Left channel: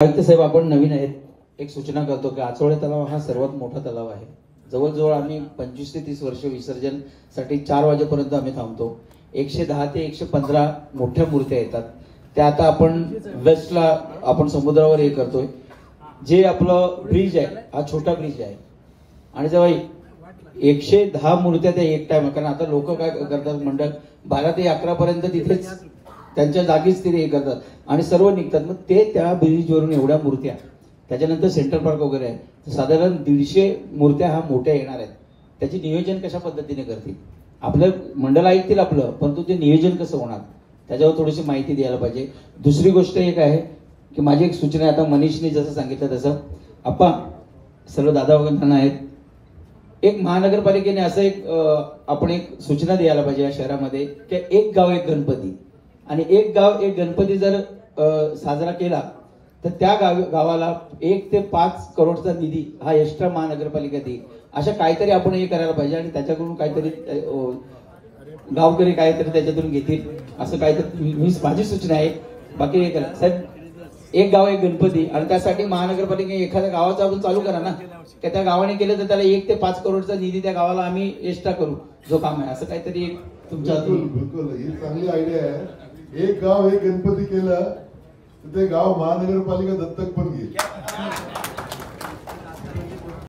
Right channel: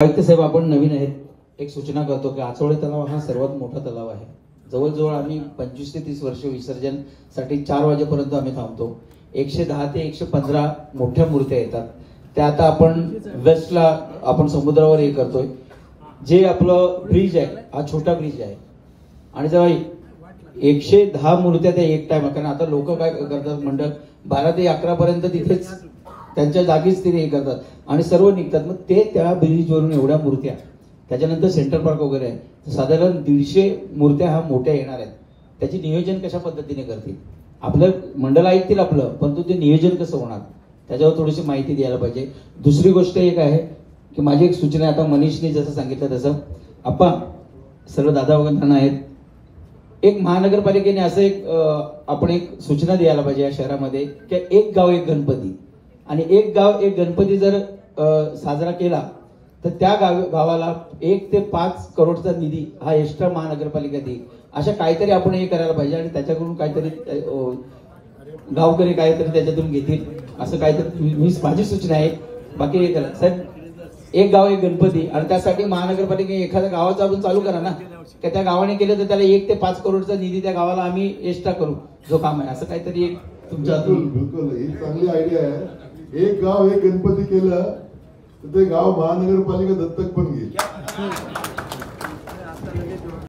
आयुक्त साहेब, आपण नवीन आहेत, एक सूचना करतो की आचवडे तलाव हा सर्वात मोठा तलाव आहे. जवळजवळ आम्ही 25 ते 30 वर्ष विसर्जन साठी 4 वाजेपर्यंत आम्ही थांबतो. 110 ते 115 मोठ्या मूर्त्या येतात. त्या आता आपण वेस्टला आपण समुद्रावर हे करतोय. जे आपलं ब्रिज आहे हा छोटा ब्रिज आहे आणि जेव्हा 110 मूर्त्या त्या एक टाइम, कारण आता लोक काय करतात, मंडळ 12 ते 11 पर्यंत तिथेच त्यांच्या जागीच ते हे करतात आणि सर्व निघतात. मग ते त्या ब्रिजवरून एवढ्या मूर्त्या, त्याच्यानंतर सेंट्रल पार्क वगैरे आहे, साधारण 150 मूर्त्या हा मोठ्या येणार आहेत. त्याची नियोजन कशा पद्धतीने करतील? आपलं मंडळ ऐकतील आपलं, पण ते नियोजन कसं होणार त्याच्यावर थोडीशी माहिती द्यायला पाहिजे. दुसरी गोष्ट एक आहे की माझी एक सूचना आहे, आता मनीषने जसं सांगितलं तसं आप्पा सर्व दादा वगैरे आहेत, एक महानगरपालिकेने असं एक आपण एक सूचना द्यायला पाहिजे या शहरामध्ये की एक गाव एक गणपती, आणि एक गाव एक गणपती जर साजरा केला तर त्या गावाला 1 ते 5 करोडचा निधी हा एक्स्ट्रा महानगरपालिका देईल. अशा काहीतरी आपण हे करायला पाहिजे आणि त्याच्याकडून काहीतरी गावकरी काहीतरी त्याच्यातून घेतील, असं काहीतरी माझी सूचना आहे. बाकी हे करा साहेब, एक गाव एक गणपती, आणि त्यासाठी महानगरपालिका एखाद्या गावाचं आपण चालू करा ना, की त्या गावाने केलं तर त्याला 1 ते 5 करोडचा निधी त्या गावाला आम्ही एक्स्ट्रा करू जो काम आहे, असं काहीतरी एक तुमच्या बिलकुल ही चांगली आयडिया आहे. एक गाव एक गणपती केलं तर ते गाव महानगरपालिका दत्तक पण घेईल.